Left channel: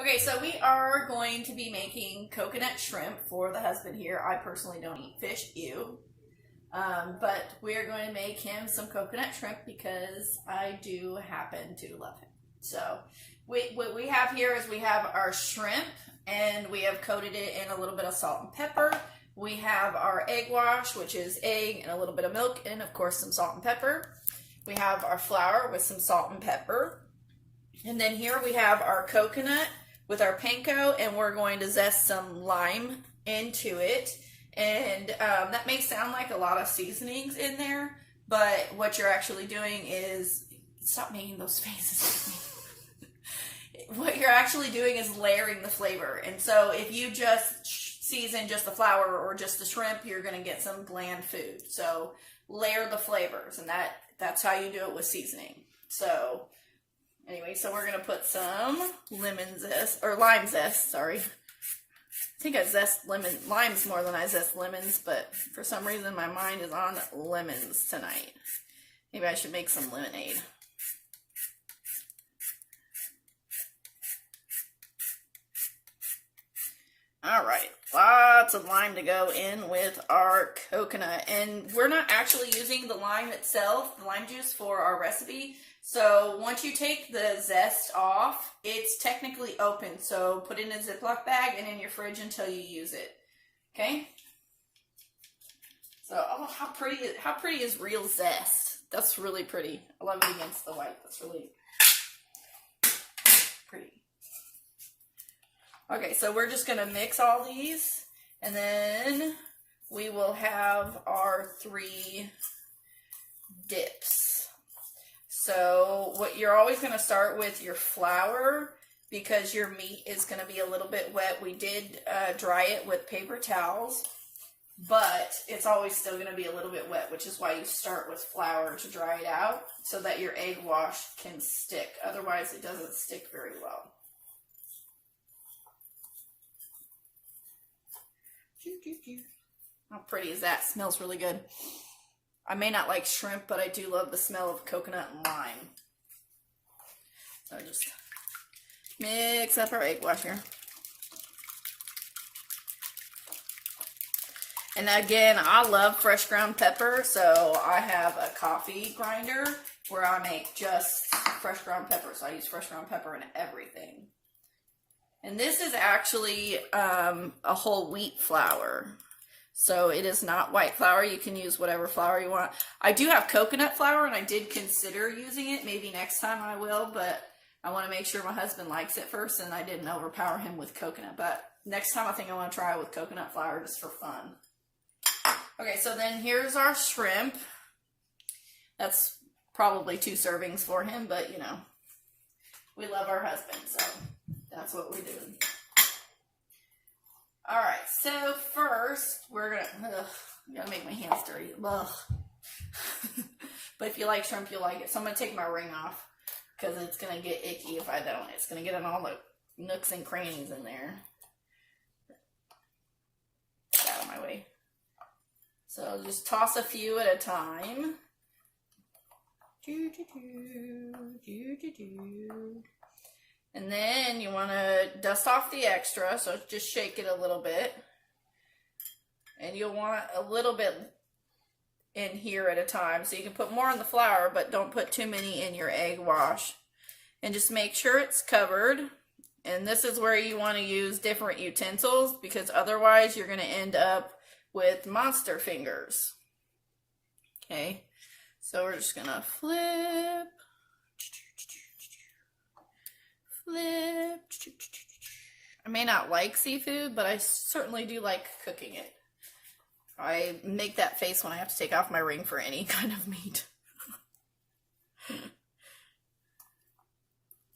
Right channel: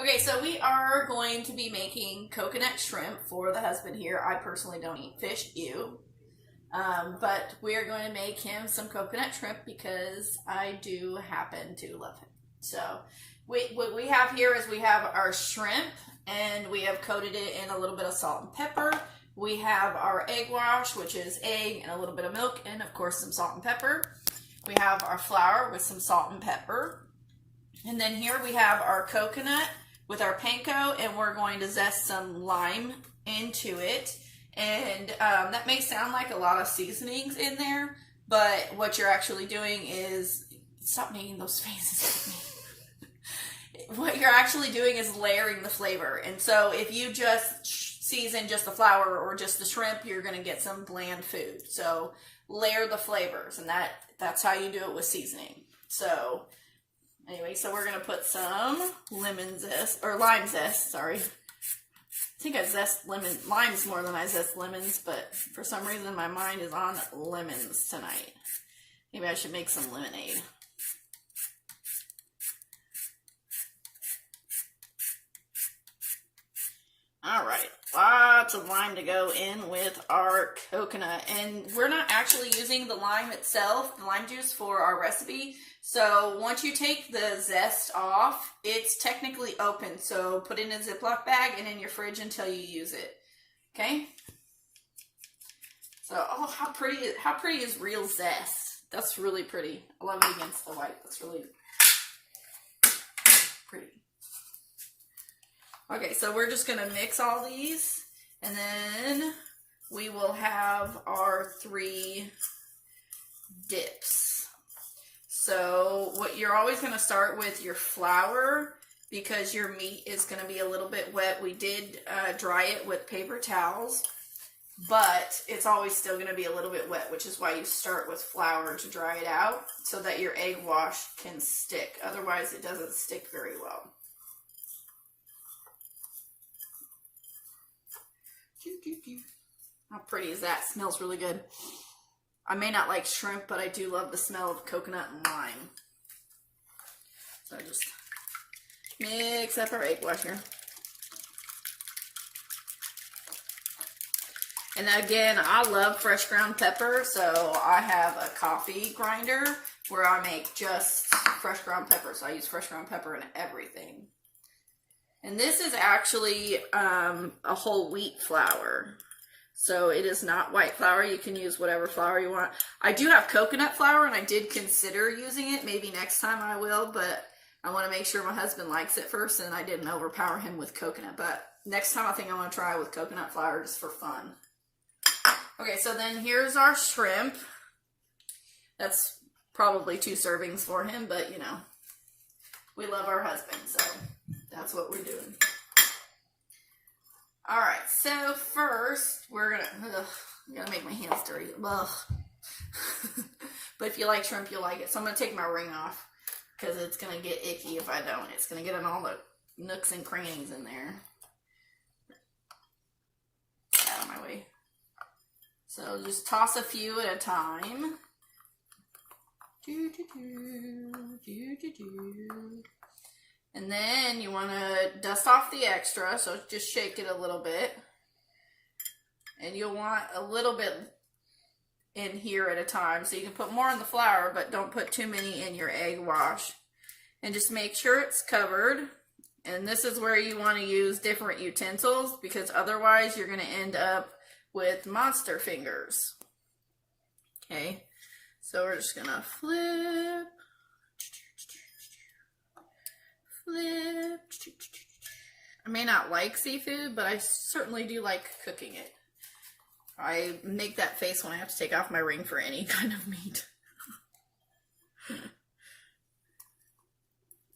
Okay, so we are going to be making coconut shrimp for the husband here. I personally don't eat fish, ew. But we are going to make him some coconut shrimp because I do happen to love him. So what we have here is we have our shrimp and we have coated it in a little bit of salt and pepper. We have our egg wash, which is egg and a little bit of milk and of course some salt and pepper. We have our flour with some salt and pepper. And then here we have our coconut with our panko, and we're going to zest some lime into it. And that may sound like a lot of seasonings in there, but what you're actually doing is, stop making those faces at me. What you're actually doing is layering the flavor. And so if you just season just the flour or just the shrimp, you're going to get some bland food. So layer the flavors, and that's how you do it with seasoning. So anyway, so we're going to put some lime zest, sorry. I think I zest limes more than I zest lemons, but for some reason my mind is on lemons tonight. Maybe I should make some lemonade. All right, lots of lime to go in with our coconut. And we're not actually using the lime itself, the lime juice, for our recipe. So once you take the zest off, it's technically open. So put it in a Ziploc bag and in your fridge until you use it. Okay? So, oh, how pretty is real zest? That's really pretty. I love it against the white. That's really pretty. Okay, so we're just going to mix all these, and then we will have our 3 dips. So what you're always going to start with your flour because your meat is going to be a little bit wet. We did dry it with paper towels, but it's always still going to be a little bit wet, which is why you start with flour to dry it out so that your egg wash can stick. Otherwise, it doesn't stick very well. How pretty is that? Smells really good. I may not like shrimp, but I do love the smell of coconut and lime. So I just mix up our egg wash here. And again, I love fresh ground pepper, so I have a coffee grinder where I make just fresh ground pepper. So I use fresh ground pepper in everything. And this is actually a whole wheat flour. So it is not white flour. You can use whatever flour you want. I do have coconut flour, and I did consider using it. Maybe next time I will, but I want to make sure my husband likes it first, and I didn't overpower him with coconut. But next time I think I want to try with coconut flour just for fun. Okay, so then here's our shrimp. That's probably 2 servings for him, but you know, we love our husband, so that's what we're doing. All right, so first we're gonna make my hands dirty. Ugh. But if you like shrimp, you'll like it. So I'm gonna take my ring off because it's gonna get icky if I don't. It's gonna get in all the nooks and crannies in there. Get out of my way. So just toss a few at a time. And then you want to dust off the extra, so just shake it a little bit. And you'll want a little bit in here at a time. So you can put more in the flour, but don't put too many in your egg wash. And just make sure it's covered. And this is where you want to use different utensils, because otherwise you're going to end up with monster fingers. Okay, so we're just going to flip. I may not like seafood, but I certainly do like cooking it. I make that face when I have to take off my ring for any kind of meat.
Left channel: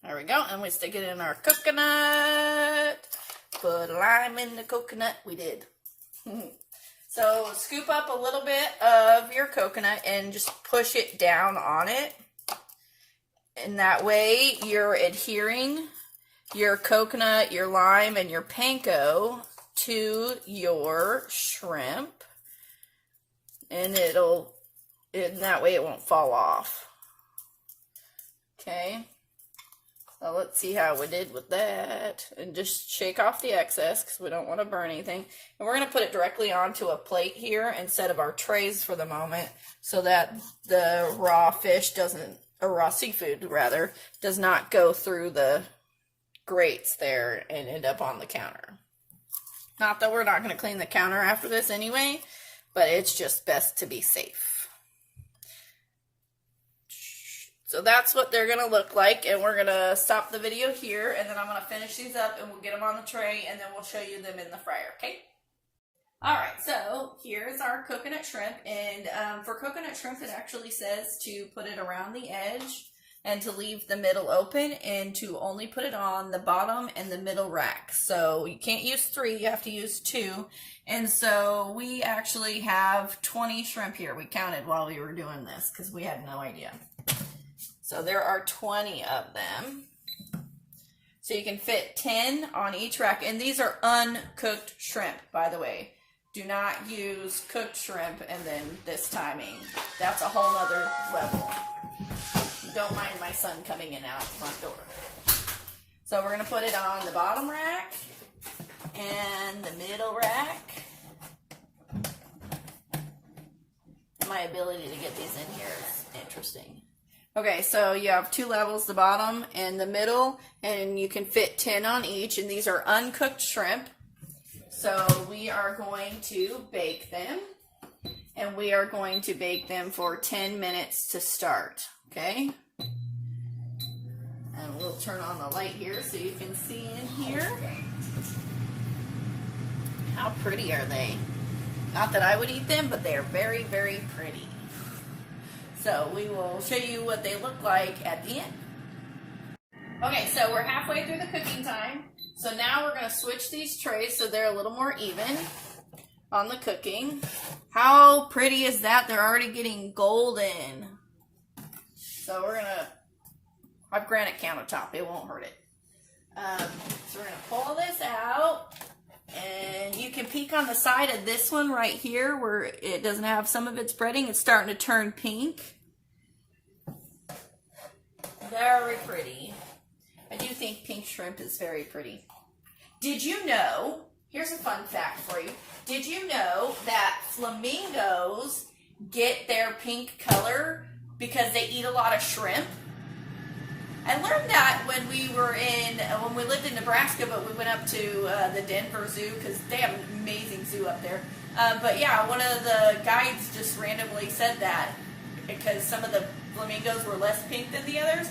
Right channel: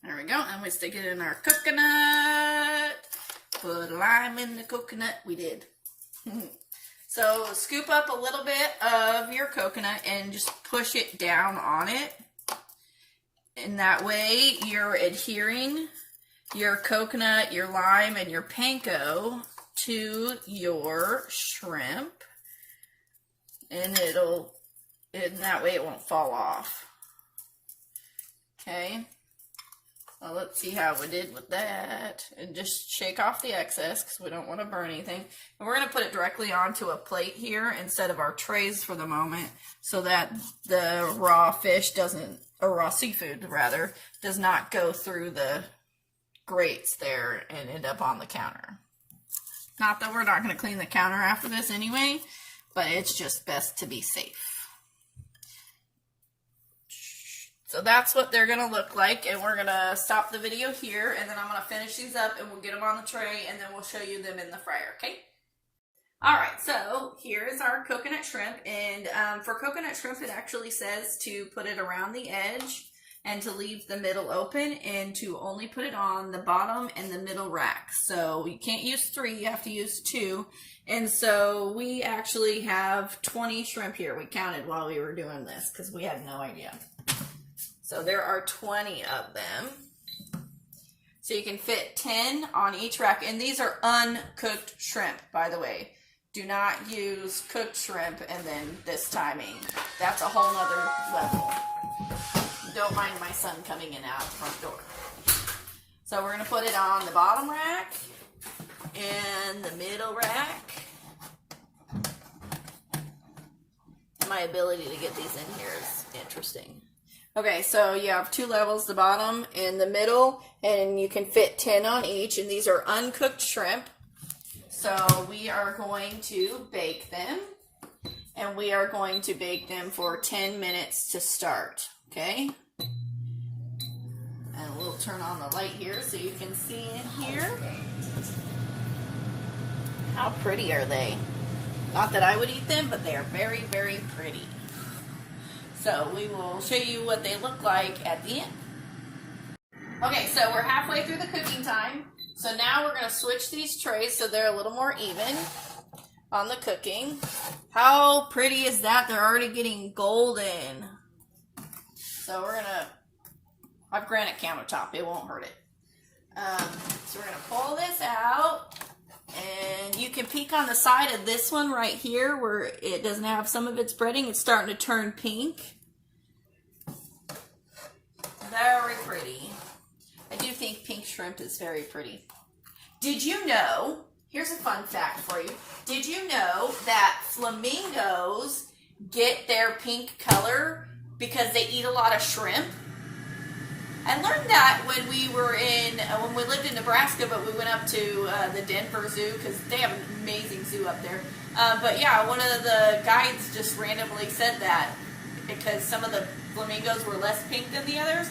There we go, and we stick it in our coconut. Put lime in the coconut. We did. So scoop up a little bit of your coconut and just push it down on it. And that way you're adhering your coconut, your lime, and your panko to your shrimp. And that way it won't fall off. Okay. So let's see how we did with that. And just shake off the excess because we don't want to burn anything. And we're going to put it directly onto a plate here instead of our trays for the moment so that the raw fish doesn't, or raw seafood rather, does not go through the grates there and end up on the counter. Not that we're not going to clean the counter after this anyway, but it's just best to be safe. So that's what they're going to look like, and we're going to stop the video here, and then I'm going to finish these up, and we'll get them on the tray, and then we'll show you them in the fryer, okay? Alright, so here's our coconut shrimp, and for coconut shrimp, it actually says to put it around the edge, and to leave the middle open, and to only put it on the bottom and the middle rack. So you can't use 3, you have to use 2, and so we actually have 20 shrimp here. We counted while we were doing this, because we had no idea. So there are 20 of them. So you can fit 10 on each rack. And these are uncooked shrimp, by the way. Do not use cooked shrimp and then this timing. That's a whole nother level. Don't mind my son coming in and out the front door. So we're going to put it on the bottom rack and the middle rack. My ability to get these in here is interesting. Okay, so you have 2 levels, the bottom and the middle, and you can fit 10 on each, and these are uncooked shrimp. So we are going to bake them, and we are going to bake them for 10 minutes to start, okay? And we'll turn on the light here so you can see in here. How pretty are they? Not that I would eat them, but they are very, very pretty. So we will show you what they look like at the end. Okay, so we're halfway through the cooking time. So now we're going to switch these trays so they're a little more even on the cooking. How pretty is that? They're already getting golden. So we're going to have granite countertop. It won't hurt it. So we're going to pull this out. And you can peek on the side of this one right here where it doesn't have some of its breading. It's starting to turn pink. Very pretty. I do think pink shrimp is very pretty. Did you know, here's a fun fact for you. Did you know that flamingos get their pink color because they eat a lot of shrimp? I learned that when we lived in Nebraska, but we went up to the Denver Zoo because they have an amazing zoo up there. But yeah, one of the guides just randomly said that because some of the flamingos were less pink than the others.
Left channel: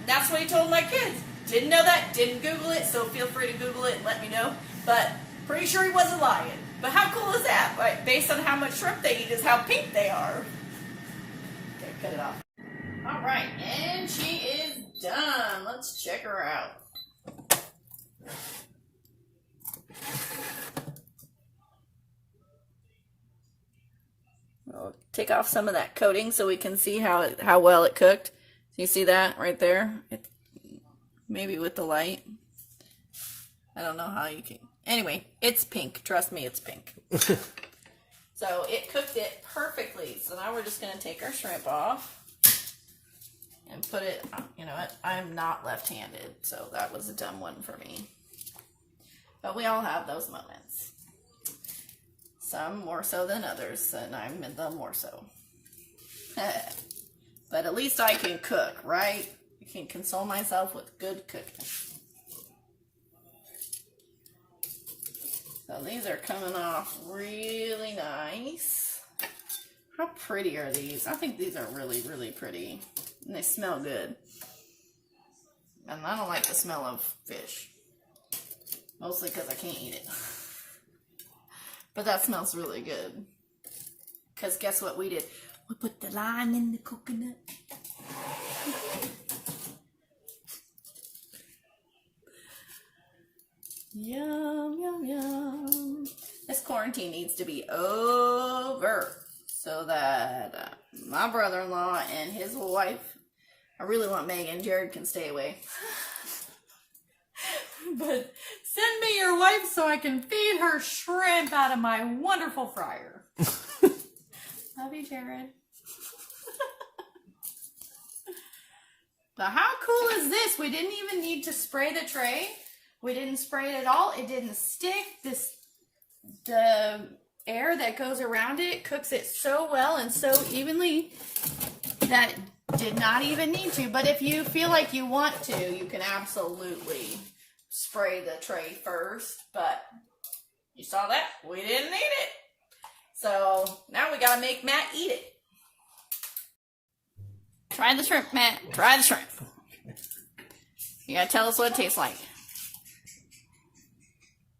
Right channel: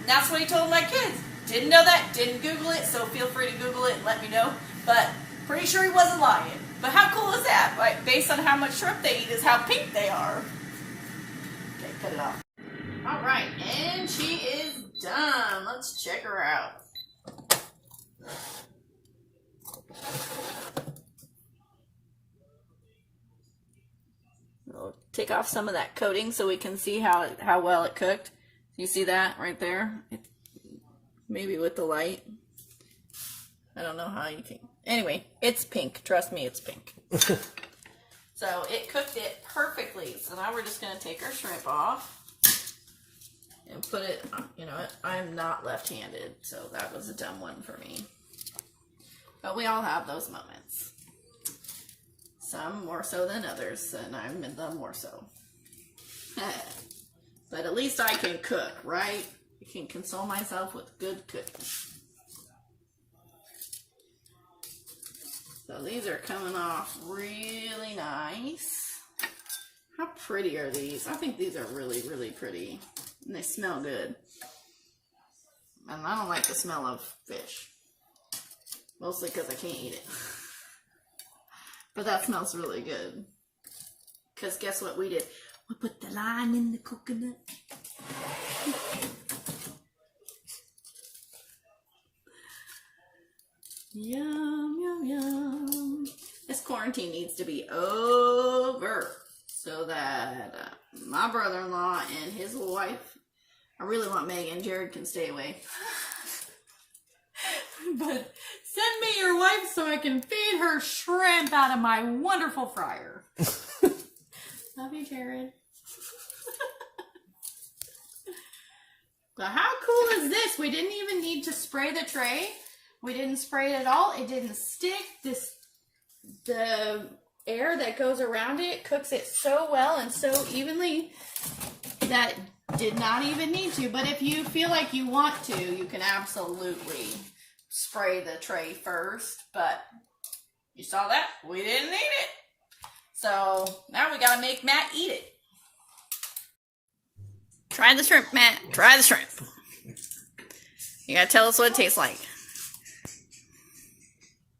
And that's what he told my kids. Didn't know that, didn't Google it, so feel free to Google it and let me know. But pretty sure he wasn't lying. But how cool is that? Like, based on how much shrimp they eat is how pink they are. Okay, cut it off. All right, and she is done. Let's check her out. We'll take off some of that coating so we can see how well it cooked. You see that right there? Maybe with the light. I don't know how you can. Anyway, it's pink. Trust me, it's pink. So it cooked it perfectly. So now we're just going to take our shrimp off. And put it, you know what, I am not left-handed, so that was a dumb one for me. But we all have those moments. Some more so than others, and I'm in the more so. But at least I can cook, right? I can console myself with good cooking. So these are coming off really nice. How pretty are these? I think these are really, really pretty. And they smell good. And I don't like the smell of fish. Mostly because I can't eat it. But that smells really good. Because guess what we did? We put the lime in the coconut. Yum, yum, yum. This quarantine needs to be over. So that my brother-in-law and his wife, I really want Megan, Jared can stay away. But send me your wife so I can feed her shrimp out of my wonderful fryer. Love you, Jared. Now, how cool is this? We didn't even need to spray the tray. We didn't spray it at all. It didn't stick. The air that goes around it cooks it so well and so evenly that did not even need to. But if you feel like you want to, you can absolutely spray the tray first. But you saw that? We didn't need it. So now we gotta make Matt eat it. Try the shrimp, Matt. Try the shrimp. You gotta tell us what it tastes like.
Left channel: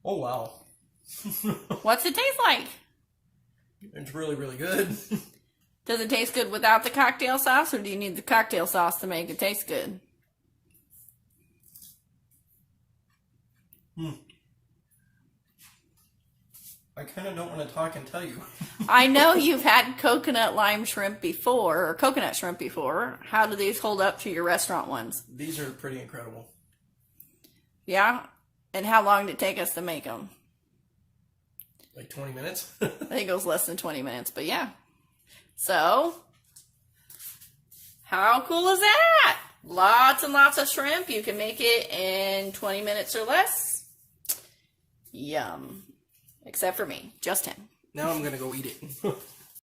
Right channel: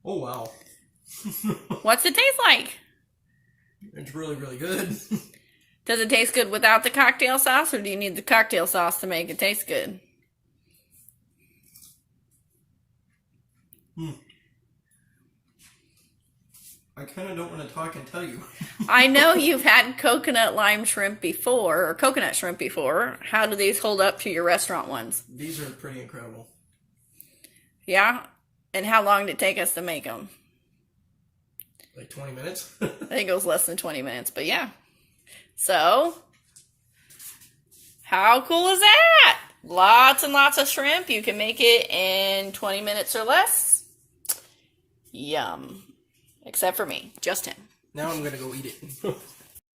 Oh, wow. What's it taste like? It's really, really good. Does it taste good without the cocktail sauce, or do you need the cocktail sauce to make it taste good? I kind of don't want to talk and tell you. I know you've had coconut lime shrimp before, or coconut shrimp before. How do these hold up to your restaurant ones? These are pretty incredible. Yeah? And how long did it take us to make them? Like 20 minutes? I think it was less than 20 minutes, but yeah. So, how cool is that? Lots and lots of shrimp. You can make it in 20 minutes or less. Yum. Except for me, just him. Now I'm going to go eat it.